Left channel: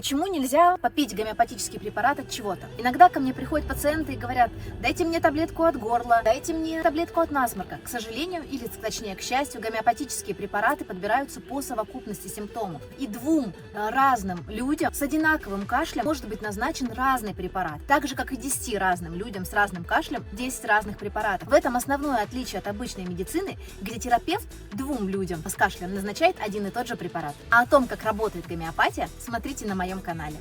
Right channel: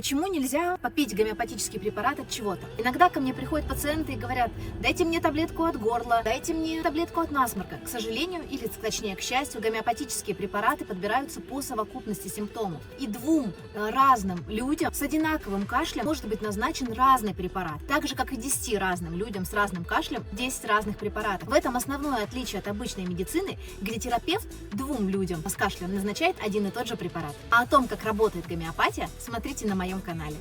Почему нельзя попить гомеопатический препарат от чего-то? Иногда ко мне приходят пациенты и говорят: дайте мне таблетку от горла, дайте мне таблетку от насморка. К сожалению, или точнее к счастью, гомеопатические препараты подбираются по совокупности симптомов. И двум разным людям с одинаковым кашлем может быть назначен разный препарат. Так же, как и 10 разным людям с разным кашлем 10 разных препаратов. В этом основное отличие от обычной медицины, где терапевт двум людям с кашлем назначает один и тот же препарат. А о том, как работает гомеопатия, смотрите на моем канале.